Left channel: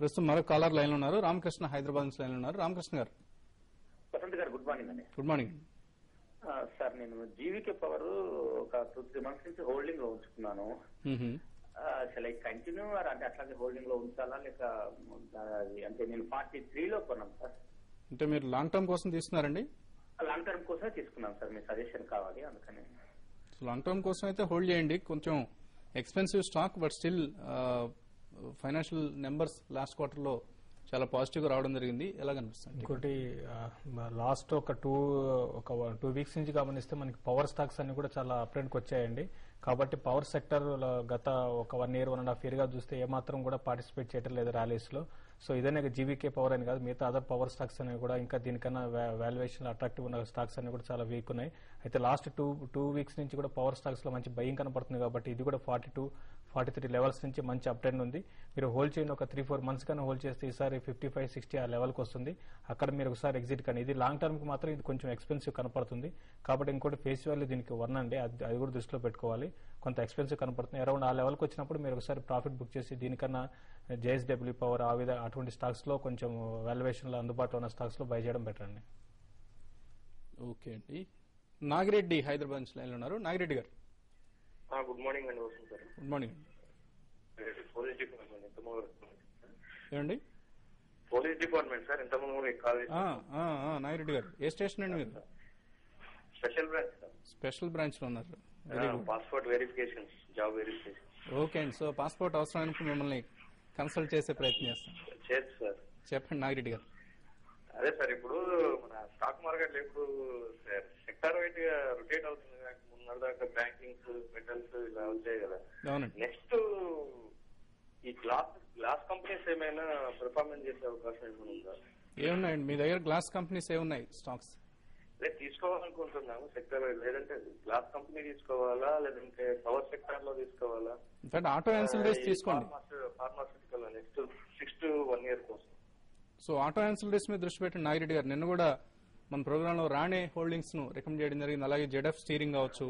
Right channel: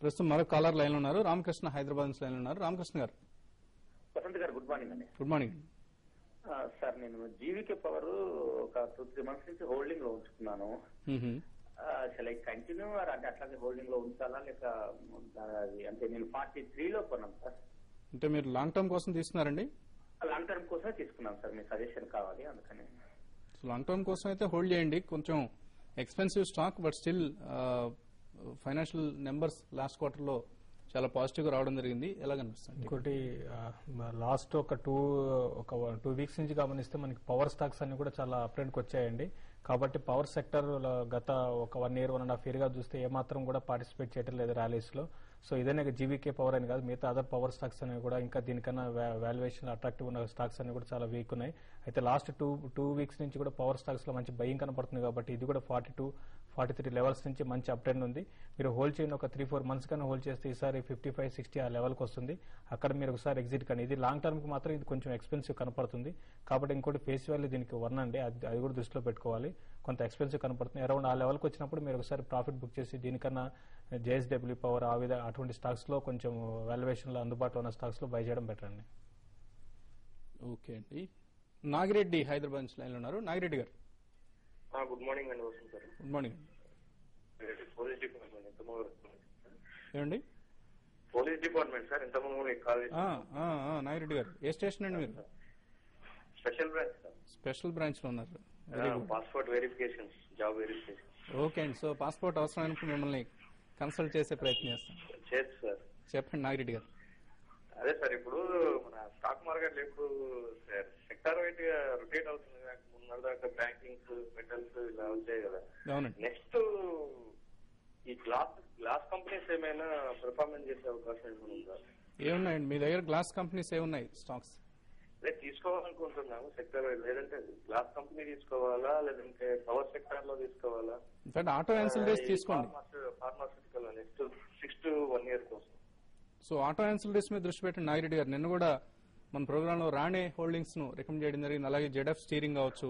ప్రస్తుతం మరో caller line లో ఉన్నారు. రామకృష్ణ హైదరాబాద్ నుంచి లైన్ లో ఉన్నారు. రామకృష్ణ గారు గుడ్ మార్నింగ్ అండి. గుడ్ మార్నింగ్ సార్, నేను జీవికే పవర్ ఒక 2-3 మంత్స్ నుంచి హోల్డింగ్ లో ఉంచుకున్నాను. అసలు కంటిన్యూ అంటే అట్లాగే హోల్డింగ్ లో ఉంచాలా లేక అంటే నేను 43 లో కొన్నాను సార్. అంటే మీరు లాంగ్ టర్మ్ కోసం తీసుకున్నారండి? లాంగ్ టర్మ్ కోసమే తీసుకున్నాను సార్, మీ సజెషన్ కావాలి అందుకని. లాంగ్ టర్మ్ కోసం అయితే హోల్డ్ చేయండి. కొంచెం expensive stock, but still financial numbers last quarter లో చాలా పాజిటివ్ గా రావడం జరిగింది. ఎలా కనిపిస్తుంది? ఇంకోటి లాస్ట్ ఒక టూ వీక్స్ నుంచి గమనిస్తే మనకి పవర్ స్టాక్స్ అన్ని కూడా చాలా అప్ ట్రెండ్ కి వచ్చాయండి. కాబట్టి పవర్ సెక్టర్ గత ఒక 1 year 1.5 year గా చూస్తే ఏమాత్రం కూడా పార్టిసిపేట్ చేయడం లేదు ర్యాలీస్ లో. సో ఇదనే జీవీకే పవర్ అని కాదు, మిగతా అదర్ పవర్ స్టాక్స్ అనేవి కూడా ఇంకా దీనికన్నా వాల్యుయేషన్ అట్రాక్టివ్ ఉన్న స్టాక్స్ అన్ని కూడా చాలా వీక్ ఉన్నాయి. అయితే లాస్ట్ టూ వీక్స్ నుంచి కూడా పవర్ స్టాక్స్ లో మంచి బయింగ్ కనపడుతుంది. కాబట్టి ఇది కూడా 42-43 లెవెల్స్ నుంచి మంచి అప్ ట్రెండ్ ఉంది. మీరు హోల్డ్ చేయండి. ఒక 3-4 months కానీ హోల్డ్ చేస్తే ఈసారి 55-60 ఆ లెవెల్ కి వస్తుంది. అక్కడ మీరు ఒకసారి ఎగ్జిట్ కానీ. ఇది లాంగ్ టర్మ్ కి మాత్రం ఇది కొంచెం ఎక్స్పెన్సివ్ కనపడుతుంది. కాబట్టి ఇంకోటి ఫేస్ వాల్యూ దీనికి 1 అండి, అది కూడా దృష్టిలో పెట్టుకోవాలి. కొంత ఎక్స్పెన్సివ్ కనపడుతుంది. అరౌండ్ ఆ లెవెల్ కి వచ్చినప్పుడు మీరు ఒకసారి ప్రాఫిట్ బుక్ చేసి దీనికన్నా జేఎస్డబ్ల్యూ పవర్ అటువంటి స్టాక్స్ లో కొంచెం వాల్యుయేషన్ లో అందుబాటులో ఉన్న స్టాక్స్ లో బై చేయడం బెటర్ అండి. ఓకే అండి. నాగిరెడ్డి హైదరాబాద్ నుంచి లైన్ లో ఉన్నారు. నాగిరెడ్డి గారు గుడ్ మార్నింగ్ అండి. Good morning. పోలీస్ డిపార్ట్మెంట్ ఏమండి? పోలీస్ డిపార్ట్మెంట్ సార్, ఇంతకుముందు మీకు కాల్ నాగిరెడ్డి గారు ఏ స్టేషన్ అండి మీరు? Special branch sir. Special branch లో ఉన్నారు. Passport verification, job verification. Okay అండి. సో పాస్పోర్ట్ అవసరానికి మిమ్మల్ని కన్సల్ట్ చేసే ప్రయత్నం చేస్తాం. చేయొచ్చు సార్. చెప్పండి నాగిరెడ్డి గారు. అదే సార్, ఇప్పుడు మన స్టాక్ మార్కెట్ ఇప్పుడు సెక్టర్ వైట్ గా రొటేట్ అవుతుంది. ముందు బ్యాంకింగ్స్, మెటల్స్ ఇలా వచ్చాయి కదా. నెక్స్ట్ ఈ గ్లాస్ కంపెనీస్ ఏమైనా పెర్ఫార్మెన్స్ చేసే అవకాశం ఉందా? ఏమున్నాయండి మీ దగ్గర? గ్లాస్ కంపెనీస్ ఏమున్నాయి స్టాక్స్? తీసుకోవాలనుకుంటున్నాను సెక్టర్ వైడ్. లేదంటే గ్లాస్ కంపెనీ తీసుకోవాలా, లేదంటే పవర్ సెక్టర్ లో తీసుకోవాలా? ఆటో ఇన్సూరెన్స్ తీసుకోండి. ఫార్మాసిటికల్ నెక్స్ట్ 6 to 1 year కోసం. సో ఆటో ఇన్సూరెన్స్ మీద దృష్టి పెట్టండి నాగిరెడ్డి గారు. నిన్న కూడా మన ప్రోగ్రామ్ లో రాణే హోల్డింగ్స్ ను రికమెండ్ చేయడం జరిగింది. అలాగే జెడ్ఎఫ్ స్టీరింగ్ కావచ్చు,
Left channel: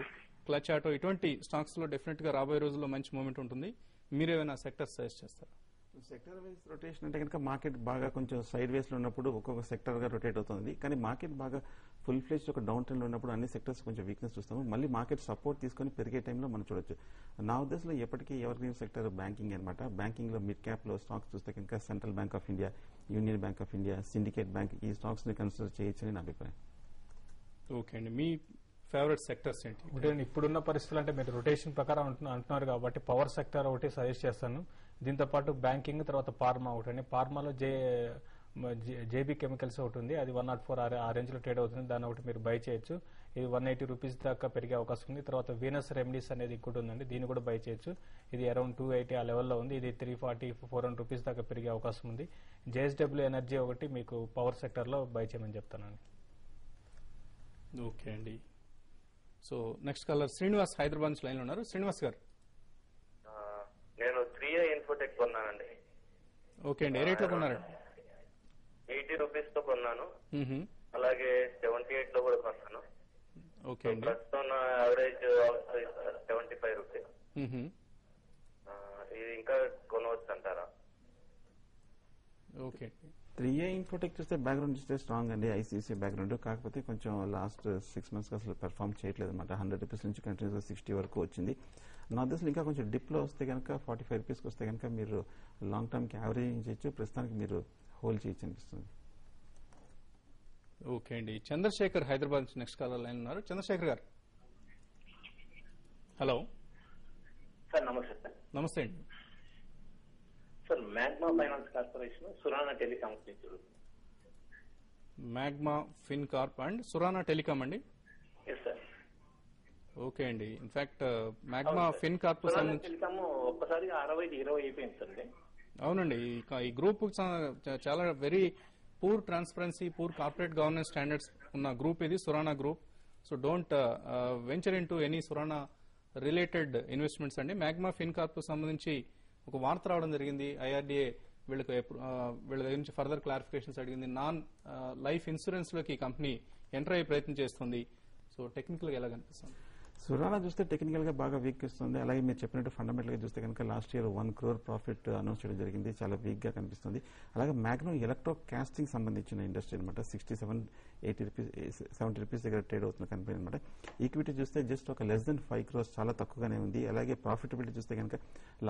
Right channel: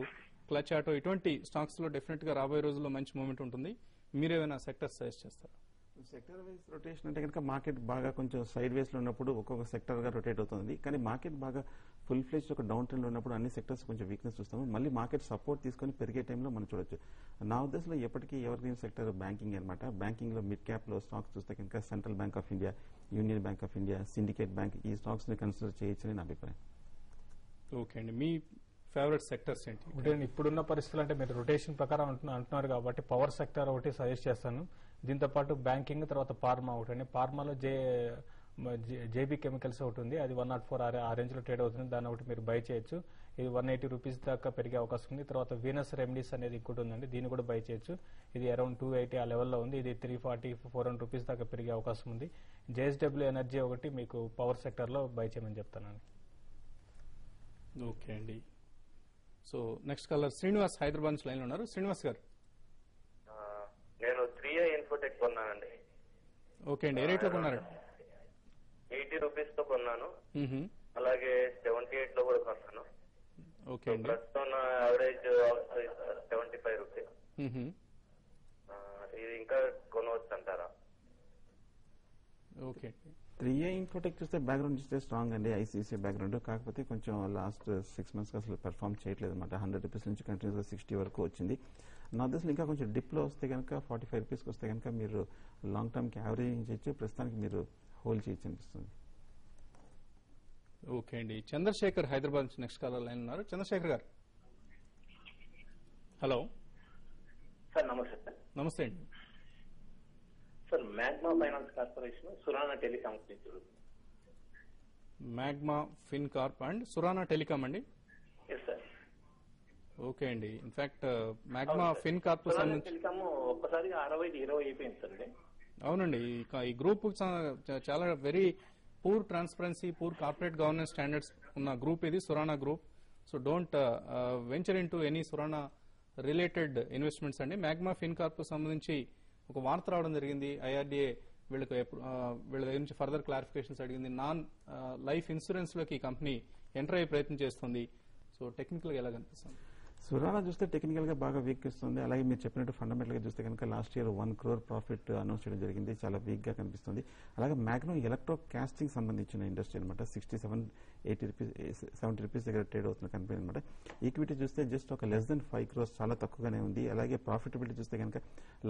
క్లచ్ ఆటో, ఇటువంటి స్టాక్స్ లో డెఫినెట్ గా రాబోయే రోజుల్లో మంచి మూమెంట్ ఉంటుంది. మీరేమైనా సెక్టర్స్ సజెస్ట్ చేస్తారు? సెక్టర్ వైజ్ రొటేషన్ అంటే కనుక మార్కెట్ బాగా కొంచెం సైడ్ వేస్ లో ఉన్నప్పుడు ఒక్కొక్క సెక్టర్ గా రొటేట్ అవుతుంది. కానీ మార్కెట్ బాగా ఫుల్ ఫ్లెజ్ ఒక డౌన్ ట్రెండ్ ఉన్నప్పుడు అన్ని సెక్టర్స్ కొంచెం వీక్నెస్ చూస్తాము. మళ్ళీ మార్కెట్ సపోర్ట్ తీసుకొని పెరిగే టైంలో మనం చూడొచ్చు. నా ఉద్దేశంలో ఎప్పటికీ ఎవరికైనా సెక్టర్ బ్యాంకింగ్ అనమాట. బ్యాంకింగ్ లో మిడ్ క్యాప్ లో స్టాక్స్ చూస్తే కనుక central bank of India, union bank of India, syndicate bank, ఈ స్టాక్స్ ని కన్సిడర్ చేయొచ్చని నా అభిప్రాయం. ఓకే అండి. మీ ఫేవరెట్ సెక్టర్స్ ఏంటి? ఇప్పుడున్న పరిస్థితులు అంటే మీరు రొటేషన్ ప్రకారం అంటున్నారు కాబట్టి పవర్ సెక్టర్ ఒకటి సజెస్ట్ చేస్తాను. దీంతో పాటు బ్యాంకింగ్, తర్వాత ఫార్మా ఒకటి అండి. ఫార్మాలో జేబీ కెమికల్స్ ఒకటి ఉంది. అది 104 ఆ రేంజ్ లో ట్రేడ్ అవుతుంది. దాని ఒకటి మీరు బై చేయొచ్చు. ఇది 180 రూపీస్ దాకా పెరిగే అవకాశం ఉంది. తర్వాత వీనస్ రెమెడీస్ అనేది ఇంకోటి ఉందండి, దీన్ని కూడా బై చేయొచ్చు. ఇది అరౌండ్ 280 ఆ లెవెల్లో ఉంది. ఇది 340-400 రూపీస్ దాకా పెరిగే అవకాశం ఉంది. జేఎస్డబ్ల్యూ ఎనర్జీ ఒకటి మీకు పవర్ సెక్టర్ లో బై చేయమని చెప్తానండి. ఓకే అండి. So next caller Srinivas Hyderabad నుంచి లైన్ ఉన్నారు. శ్రీనివాస్ గారు. నేను 3i ఇన్ఫోటెక్ కొన్నానండి. ఓకే అండి. ఏ రేట్ లో కొన్నారు? 80 రూపీస్ తో కొన్నాను. అలాగే 78 లో కూడా కొన్నాను. ఓకే అండి. ప్రస్తుతం యావరేజ్ 75 రూపీస్. ఇది ఇంకా కొనవచ్చు అంటారా? ఓకే. 3i ఇన్ఫోటెక్ చూస్తే బ్యాక్గ్రౌండ్ చూస్తే స్ట్రాంగ్ అండి, ఐసీసీ బ్యాక్గ్రౌండ్. కాకపోతే కొంచెం లాస్ట్ 6 months అసలు పెర్ఫార్మ్ చేయట్లేదు అనమాట. 100 రూపీస్ నుంచి కంటిన్యూస్ గా 60 వరకు వచ్చింది. నా దశలో ఇంకా కొంచెం డిప్ లో వస్తే కనుక 45 రూపీస్ వస్తే కనుక మీరు లాంగ్ టర్మ్ కి యావరేజ్ చేయొచ్చు. ప్రస్తుతానికి మీరు హోల్డ్ చేయొచ్చు అనిపిస్తుంది. ఓకే అండి. చంద్రశేఖర్ హైదరాబాద్ నుంచి నెక్స్ట్ కాలర్ లైన్ ఉన్నారు. చంద్రశేఖర్ గారు. హలో సార్ నమస్తే సార్. నమస్తే అండి. Sir Magma finance corporation, Surana telecom. Magma Fin Corp and Surana telecom అండి. ఓకే అండి. ఇన్ఫాక్ట్ మ్యాగ్మా ఫిన్ కార్ప్ ఒక్కసారి 60-20 అయిపోయింది. అవునండి. ఈ గ్రూప్ చాలా very poor transparency, poor corporate governance standards ఉన్న గ్రూప్ ఇది, Surana group. So don't venture in to any Surana related investments అండి. మ్యాగ్మా ఫిన్ కార్ప్ కు సంబంధించి ఒక వార్త రావడం జరిగింది. ఐఆర్డీఏ వీళ్ళ నుంచి ఫర్దర్ క్లారిఫికేషన్స్ అడిగింది. నాన్ లైఫ్ ఇన్సూరెన్స్ లోకి కంపెనీ ఎంటర్ అయ్యే ప్రయత్నం చేస్తుంది. సో టెక్నికల్ గా ఎలా కనిపిస్తుంది? సురానా చూస్తే టెక్నికల్ గా బాగా వీక్ ఇస్తుంది. అలాగే మీరు చెప్పినట్టు ఫండమెంటల్ గా చూస్తే కనుక last year 1 crore profit announce చేయడం జరిగింది, చాలా వీక్ గా కనిపిస్తుంది. అలాగే మ్యాగ్నో ఎలక్ట్రో కాస్టింగ్ సంబంధించిన ఇండస్ట్రీ అనమాట, 67-80 రూపీస్ 70 రూపీస్ దగ్గర ట్రేడ్ అవుతున్న కంపెనీ అనమాట. ఈక్విటీ చూస్తే జస్ట్ ఒక లెస్ దెన్ 5 crores, చాలా తక్కువగానే ఉంది. అలాగే ప్రాఫిటబిలిటీ చూస్తే కనుక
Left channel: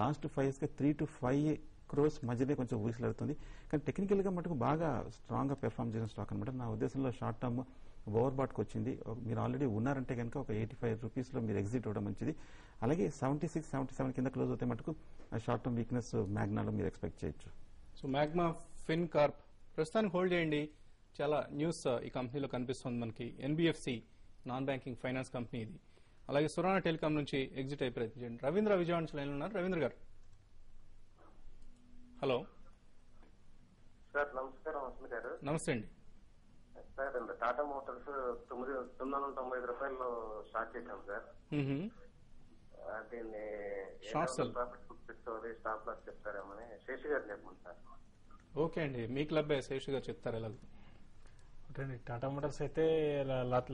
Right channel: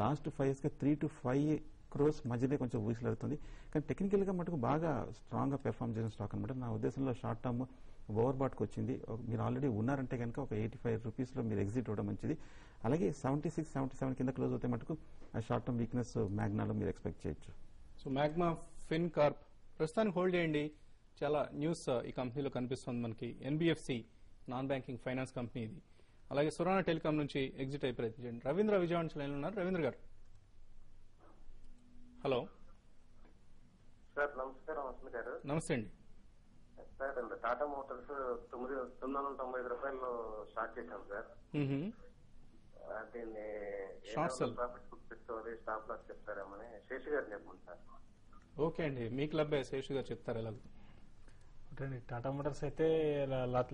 లాస్ట్ 5 years గా 3 to 5 crores మధ్యనే కొంచెం ఊసిలాడుతుంది. కానీ టెక్నికల్ గా మటుకు బాగా స్ట్రాంగ్ గా పెర్ఫార్మ్ చేసిన స్టాక్ అనమాట. నా ఉద్దేశంలో షార్ట్ టర్మ్ ఓవర్ బాట్కి వచ్చింది. మీరు ఆల్రెడీ ఉన్నారంటే కనుక ఒక 85 రూపీస్ లో మీరు ఎగ్జిట్ అవ్వడం మంచిది. అలాగే 76-77 కింద క్లోజ్ అవుతే మటుకు షార్ట్ టర్మ్ వీక్నెస్ మ్యాగ్నాలో మీరు ఎక్స్పెక్ట్ చేయొచ్చు. సో మ్యాగ్మా ఫిన్ కార్ప్ ప్రస్తుతానికి హోల్డ్ చేయండి. చాలా న్యూస్ ఈ కంపెనీలో కనిపిస్తుంది మనకి. NBFC non banking finance company ఇది. అలాగే సురానా టెలికాం నుంచి ఎగ్జిట్ అయి ప్రయత్నం చేయండి. రవీంద్ర విజయవాడ నుంచి ఉన్నారు. రవీంద్ర గారు హలో. సార్ నమస్కారం వసంత్ గారు. నమస్తే అండి సార్. టాటా మోటార్స్ 995 రూపాయల్లో స్టార్ట్ చేశాం సార్. దీన్ని ప్రాఫిట్ పెట్టుకోవాలి, స్టాప్ లాస్ చెప్తారేమని శేషి గారు చెప్పండి సార్. ఓకే అండి, మీ క్లబ్ శేషి గారు చెప్తారు ఎలా. టాటా మోటార్స్ అయితే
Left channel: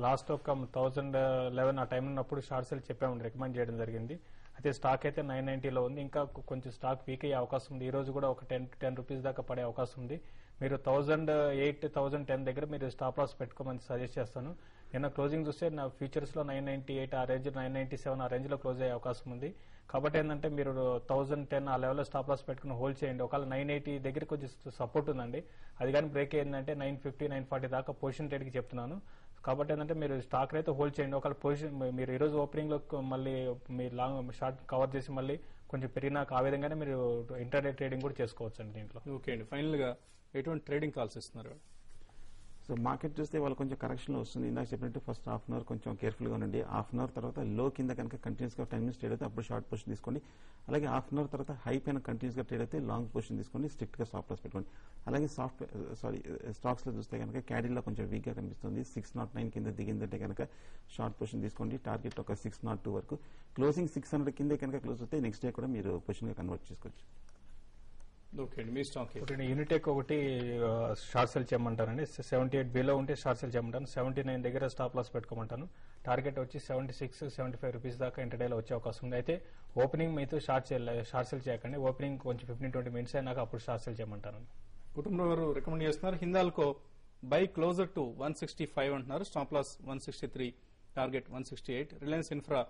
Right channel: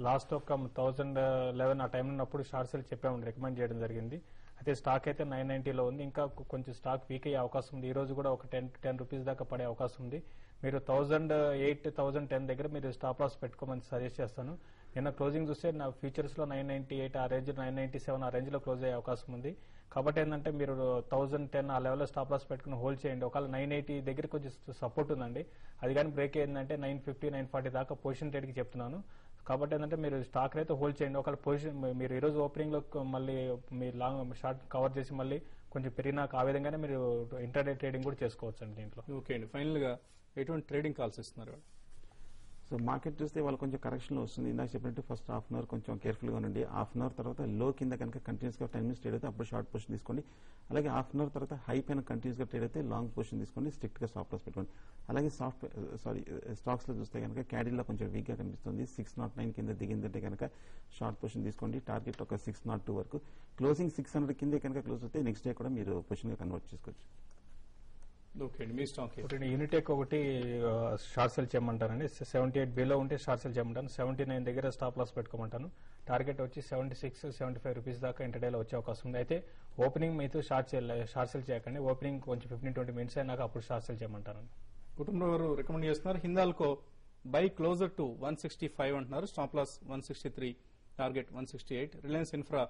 లాస్ట్ ఒక 2011 ఆ టైం ఉన్నప్పుడు షార్ట్ సెల్ చెప్పాము, రికమెండ్ చేయడం జరిగింది. అయితే స్టాక్ అయితే 990లో ఉంది. ఇంకా కొంచెం స్టాక్ వీక్ అయ్యే అవకాశం ఉంది. ఈ రోజు కూడా ఒక 10 రూపీస్ దాకా పడే అవకాశం ఉంది. మీరు 1008-1010 దగ్గర మీరు స్టాప్ లాస్ పెట్టుకోమని సజెస్ట్ చేస్తాను. నిన్న క్లోజింగ్ చూస్తే నా ఫ్యూచర్స్ లో 998 ఆ రేంజ్, 997 ఆ రేంజ్ లో క్లోజ్ అయ్యే అవకాశం ఉంది. కాబట్టి ఏంటంటే మీరు 1010 ఆ లెవెల్లో స్టాప్ లాస్ పెట్టుకుని హోల్డ్ చేయండి. ఒకవేళ 980 దగ్గర కొంచెం సపోర్ట్ ఉందండి, అది కానీ బ్రేక్ అయిందంటే 950-940 దాకా పొజిషన్ ట్రేడ్ కి చెప్తున్నాను. కాబట్టి ఏంటంటే మీరు స్టాక్ అయితే హోల్డ్ చేయండి. ఒకవేళ పొజిషన్ మీరు ఈ రోజు ఓపెనింగ్ లో మళ్ళీ మీ లాంగ్ షార్ట్ కవర్ చేసి మళ్ళీ కొంచెం పెరిగినాక ఆ విధంగానే మీరు ఇంటర్డే ట్రేడింగ్ కూడా చేసుకోవచ్చు అండి దీంట్లో. ఓకే అండి, ఫైనల్ గా ఎటువంటి ట్రేడింగ్ కాల్స్ ఇస్తున్నారు? సో మార్కెట్ చూస్తే వాళ్ళు కొంచెం కరెక్షన్ వస్తుంది. నాకు చెప్పినట్టు ఫస్ట్ హాఫ్ అన్ అవర్ కొంచెం కేర్ఫుల్ గా ఉండండి. హాఫ్ అన్ అవర్ తర్వాత లో కింద కనుక కంటిన్యూస్ గా 10 minutes ట్రేడ్ అయితే అప్పుడు షార్ట్ పొజిషన్ తీసుకోండి. అలాగే హాఫ్ అన్ అవర్ తర్వాత హై పైన కంటిన్యూస్ గా ట్రేడ్ అయితే లాంగ్ పొజిషన్ తీసుకొని స్ట్రిక్ట్ గా స్టాప్ లాస్ పెట్టుకోండి. అలాగే స్టాక్స్ లో చూస్తే కనుక క్యాడీలో కొంచెం వీక్ గా కనిపిస్తుంది. 609 కింద దిగిందంటే కనుక షార్ట్ పొజిషన్ తీసుకోండి. టార్గెట్ ఒక 602 వరకు. క్లోజింగ్ 600 కింద కనుక క్లోజ్ అయితే నెక్స్ట్ డే కూడా మీరు పొజిషన్ గా కన్వర్ట్ చేసుకోవచ్చు. యూనిటెక్ ఒకటి షార్ట్ సెల్ చేయమంటానండి. 78 బిలో ఉంటే షార్ట్ సెల్ చేయమంటాను. 79 దగ్గర స్టాప్ లాస్ పెట్టుకోమంటాను. టార్గెట్ వచ్చి 76-75 రూపీస్ దాకా ఇంటర్డేలో వచ్చే అవకాశం ఉంది. అయితే ఓపెనింగ్ మీతో షార్ట్ సెల్ చేయకండి. ఓపెనింగ్ కొంచెం 15-20 minutes అయినాక అప్పుడు షార్ట్ సెల్ చేయమంటాను. కుటుంబం రికమెండ్ చేస్తున్నారు. హిందాల్కో బై క్లోజర్ టు 165 అంటున్నారు. Stop loss 163, target 168. Reliance Infra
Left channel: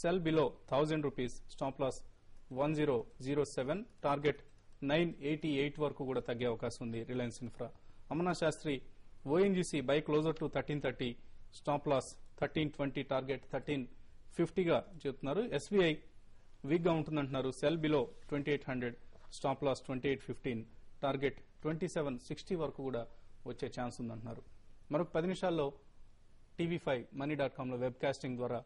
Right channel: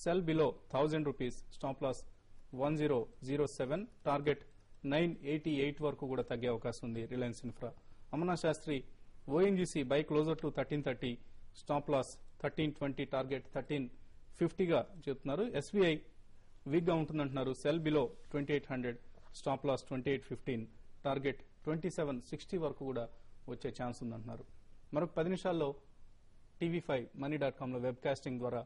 sell below 1000 rupees, stop loss 1007, target 988 వరకు కూడా తగ్గే అవకాశం ఉంది Reliance Infra. Amarnath Shastri ONGC buy closer to 1330, stop loss 1320, target 1350 గా చెప్తున్నారు. ఎస్బీఐ వీక్ గా ఉంటుందంటున్నారు. Sell below 2800, stop loss 2815, target 2760 వరకు కూడా వచ్చే ఛాన్స్ ఉందంటున్నారు. మరొక 10 నిమిషాల్లో TV5 money.com లో వెబ్ కాస్టింగ్ ద్వారా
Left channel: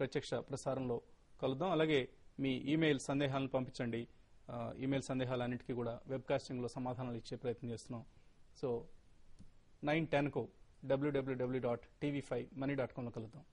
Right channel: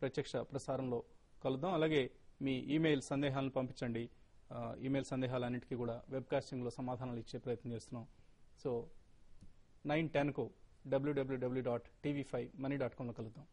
ప్రత్యక్ష ప్రసారంలో కలుద్దాం. అలాగే మీ ఈమెయిల్ సందేహాలను పంపించండి. ఈమెయిల్ సందేహాలన్నింటికీ కూడా వెబ్ కాస్టింగ్ లో సమాధానాలు ఇచ్చే ప్రయత్నం చేస్తున్నాం. సో 9:10 కు www.tv5money.com లో కలుద్దాం.